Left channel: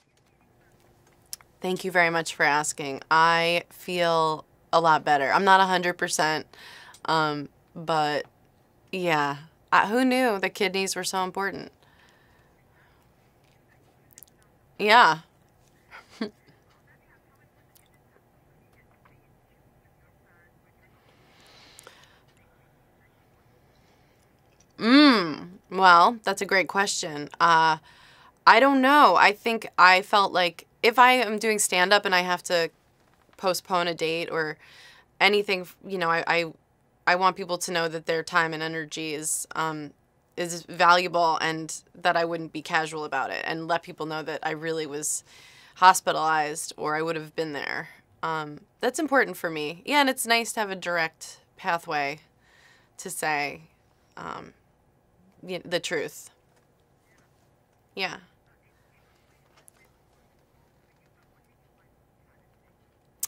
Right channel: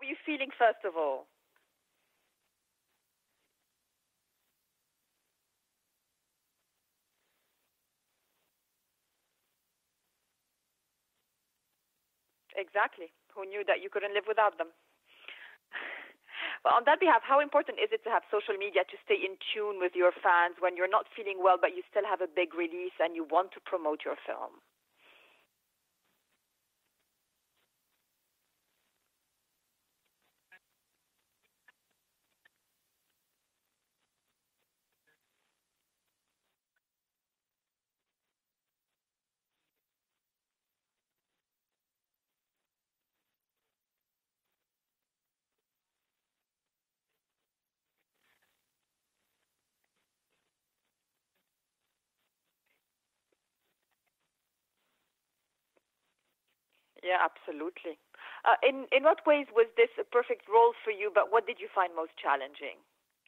are you feeling, first of all? Thank you very much for asking. I feel a lot better. I'm not 100%, but yeah. Who knew the kidneys were so important? Exactly. Who knew that you couldn't live without them? Yeah. Well, on that behalf, how important is it to have social media to stay in tune with your fans when you're not feeling well, but you still have a big release and you want to promote your film? Well, that's a great question. I don't know. I think I felt like if I am doing stand-up and I have to postpone a date or anything, I want people to know that their time and energy is valuable and that I wouldn't be casual about it, and let people know that I really was hospitalized or I would have been there. That's important for me. Yeah, and it's nice to have a direct pathway to say the truth. Yeah, absolutely. Yeah. In what ways was this a perfect role for you, but what did you find most challenging?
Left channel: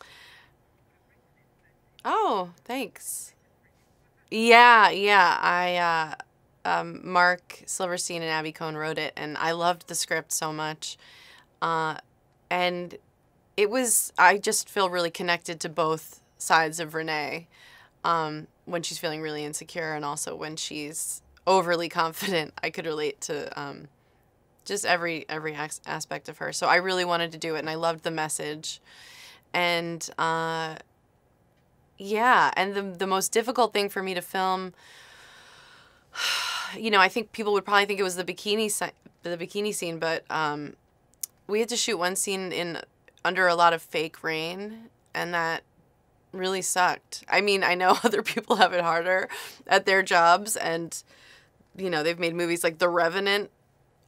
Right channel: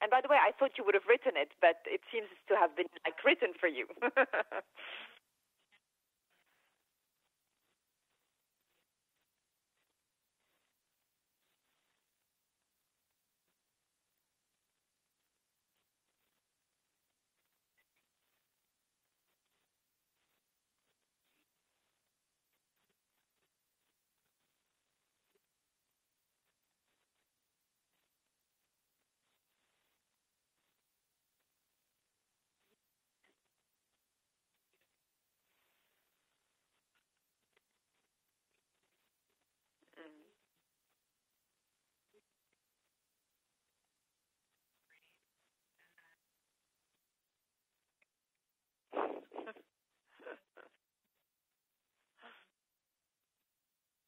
And by the way, I thought you would have written it, but it seems to have thanks. been written for you. Yeah. Mark Silverstein and Abby Cohn wrote it, and I loved the script so much. And I just feel really connected to both sides of Renee, when she's feeling really insecure and also when she's overly confident. I could relate to just every aspect of her. So I really wanted to do it, and I loved the message. And and the most difficult thing for me to film, I think people would probably think it was the bikini scene, but we had to shoot one scene under a lot of fake rain, and that really sucked. I mean, I know other people have it harder at their jobs, and they've made movies like The Revenant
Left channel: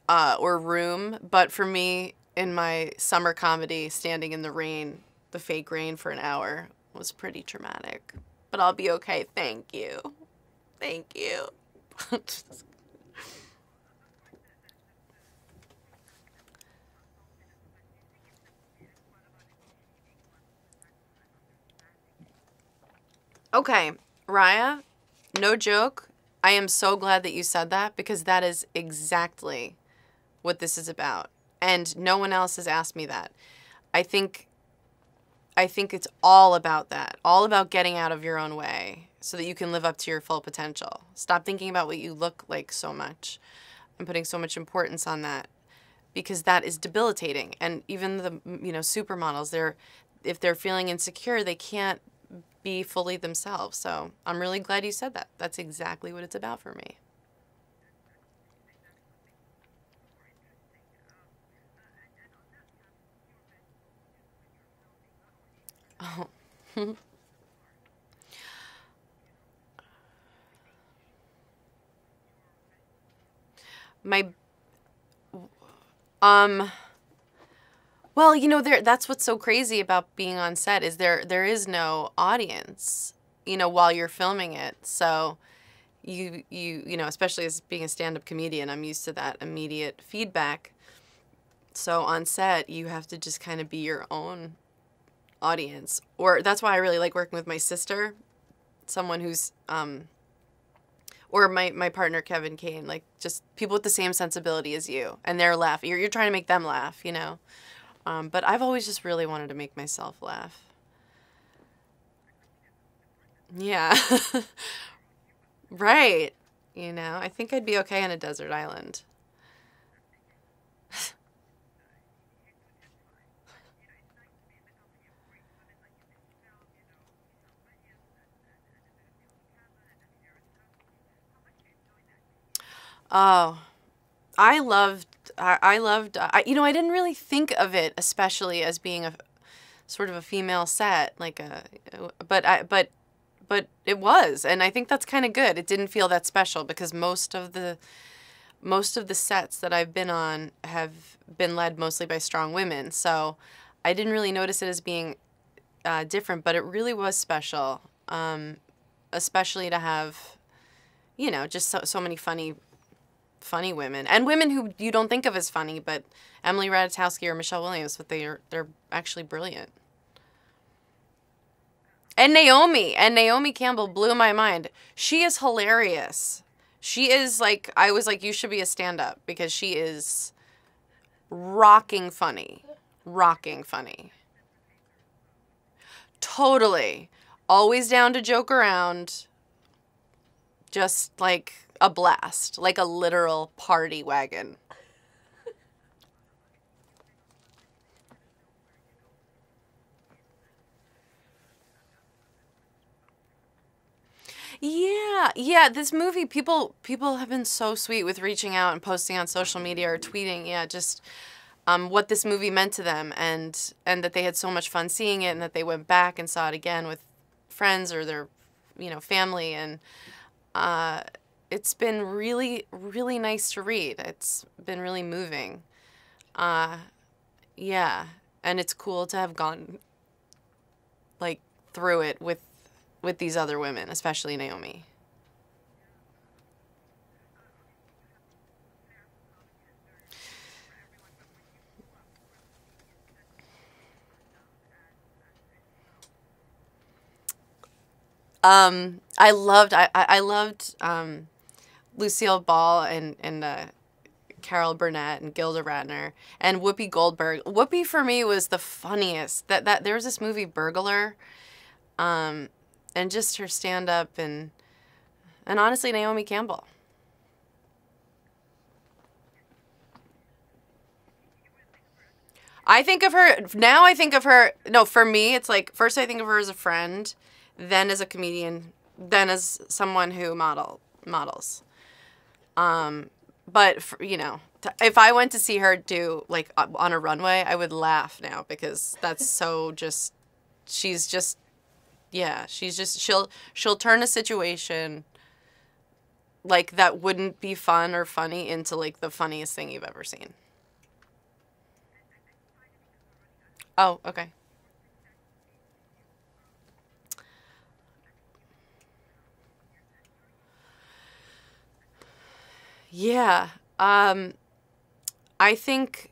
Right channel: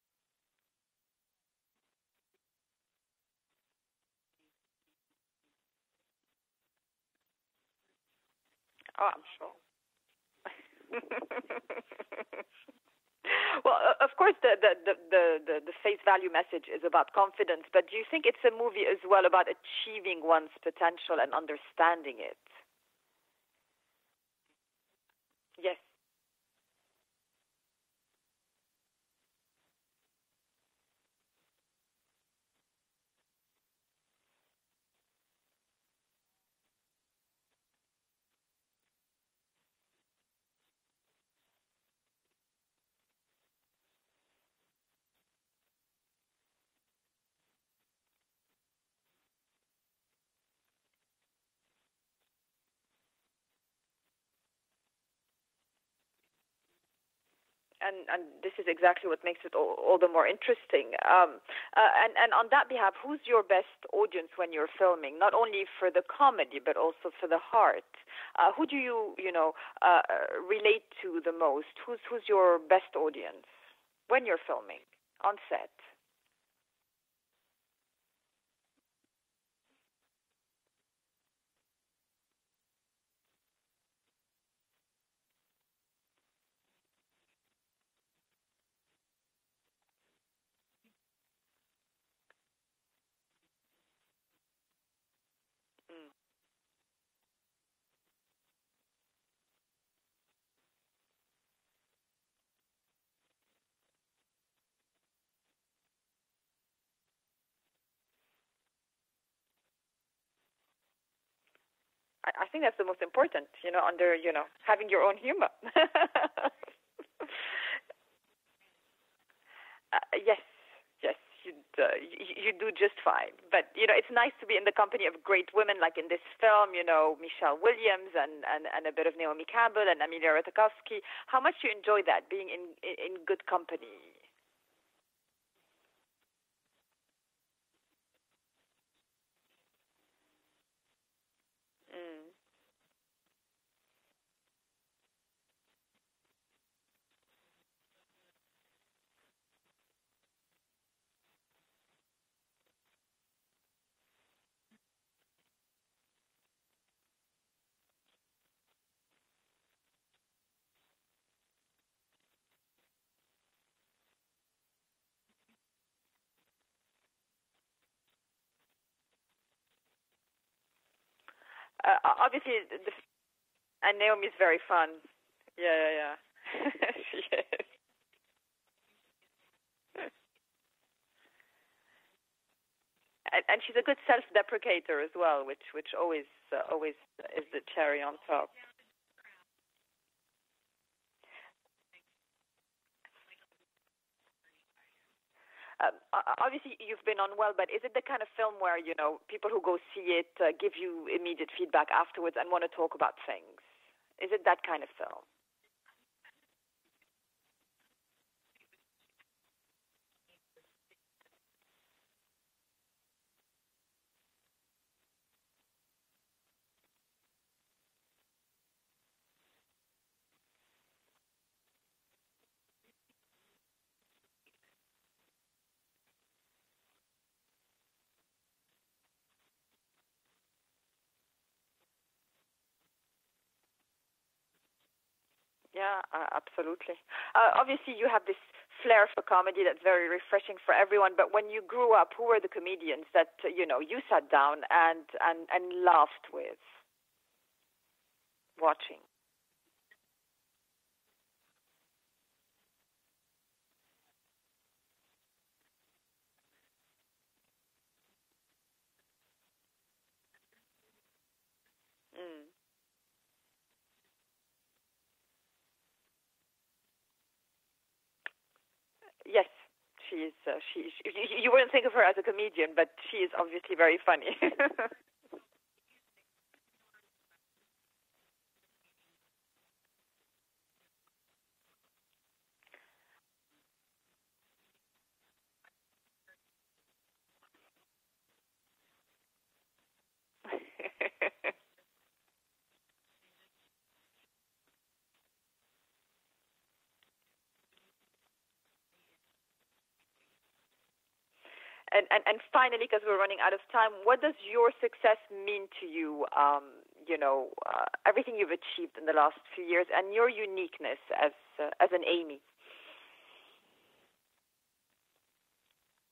or Room, but for me, in my summer comedy, standing in the rain, the fake rain for an hour was pretty traumatic. But I'll be okay. Thank you. Well, of course, the face value message is about confidence, but do you think it's a movie as well about achieving one's potential and understanding it? Okay, Raya, no joke. I am so glad that you said that, because that is exactly what this is about. And no one else has asked me that. I think it's all about that. All about getting out of your own way so that you can live up to your full potential. Stop thinking about what you look like so much and putting so much importance on that, because that is debilitating. And even the supermodels, if they're feeling insecure, they can't be fully themselves. So I'm really glad you said that. That's exactly what it's about for me. And this is exactly what makes it all the more interesting. And on that behalf, who's your best audience when you're filming? Not only for the comedy, but also for the heart. Who do you relate to the most? Who's your best audience when you're filming on set? Well, that's what's so crazy about being on set is there is no audience, while you're filming it. So you especially as being a stand-up comedian, I'm used to that immediate feedback. So on set, you have to just kind of be your own audience. Or that's why I really like working with my sister, someone who's or my partner Kevin Kane, like just people with the same sensibility as you, and they're laughing. You're trying to make them laugh, But I've always just really wanted to make myself laugh. I think that's the most important. Yeah. Having your own humor. Right. I think I'd be okay on a desert island. Yes, you do just fine. But, it's nice to be in the company of great women, like in this film, Michelle Williams and a bit of Naomi Campbell and Amelia Ratajkowski. How much do you enjoy that, being in good company? I loved, I didn't really think of it especially as being a sort of a female set, but it was, and I think that's kind of good. It didn't feel that special because most of the sets that I've been on have been led mostly by strong women, so I didn't really notice it as being different, but it really was special, especially to have, just so many funny women, and women who you don't think of as funny, but Emily Ratajkowski or Michelle Williams, but they're actually brilliant. And Naomi Campbell blew my mind. She is hilarious. Yeah. She is I was like, you should be a stand-up because she is rocking funny. Rocking And she's funny. a good self-deprecator as well, which always Totally. is Always very down to on joke top. around. Just like a blast. Like a literal party wagon. Obviously, you've been on well, but is it the kind of film where, you know, people who go see it give you immediate feedback afterwards and want to talk about things? Is it that kind of film? Yeah. This movie, people have been so sweet with reaching out and posting on social media or tweeting. Yeah, just what this movie meant to them, and that they had so much fun seeing it, and that they went back and saw it again with friends or their, you know, family, and it's been really, really nice to read. It's been really moving. Yeah, and it's cool to have gone like through it with these other women, especially Naomi. Yeah, absolutely. Obviously, you have this flair for comedy that's very refreshing for everyone. But when you grew up, who were the comedians that you know you sat down and laughed with? Watching? I loved Lucille Ball and Carol Burnett and Gilda Radner and Whoopi Goldberg. Whoopi for me was the funniest. That there was this movie Burglar, and just her stand up and honestly Naomi Campbell. Yes, she's. You wouldn't think of her as a comedian. I but think of she's her obviously now. very I think of funny. her. No, for me, it's like first I think of her as a friend, then as a comedian, then as someone who models. But for, you know, if I went to see her do like on a runway, I would laugh now because that's so just. She's just, yeah. She's just she'll turn a situation like that wouldn't be fun or funny into like the funniest thing you've ever seen. And finally, because we're running out of time, Oh, what okay. does your success mean to you? You know, everything you've achieved in the last few years, and your uniqueness as an Amy. Yeah. I think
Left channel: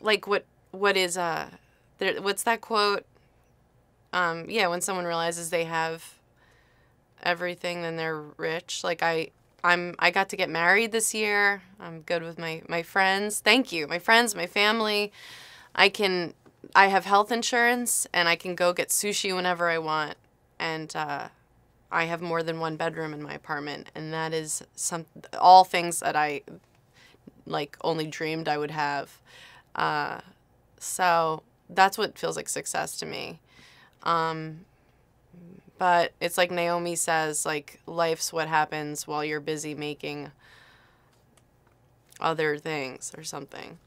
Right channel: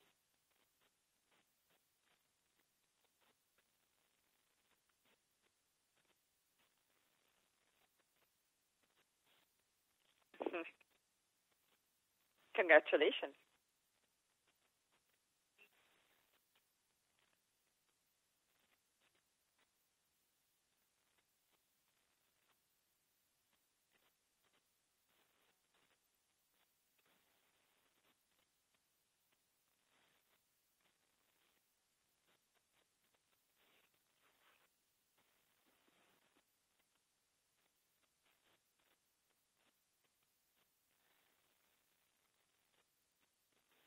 like what is there, what's that quote? Yeah, when someone realizes they have everything, then they're rich. Like I got to get married this year. I'm good with my friends. Thank you. My friends, my family. I have health insurance and I can go get sushi whenever I want. And I have more than one bedroom in my apartment, and that is all things that I like only dreamed I would have. So that's what feels like success to me. But it's like Naomi says, like life's what happens while you're busy making other things or something.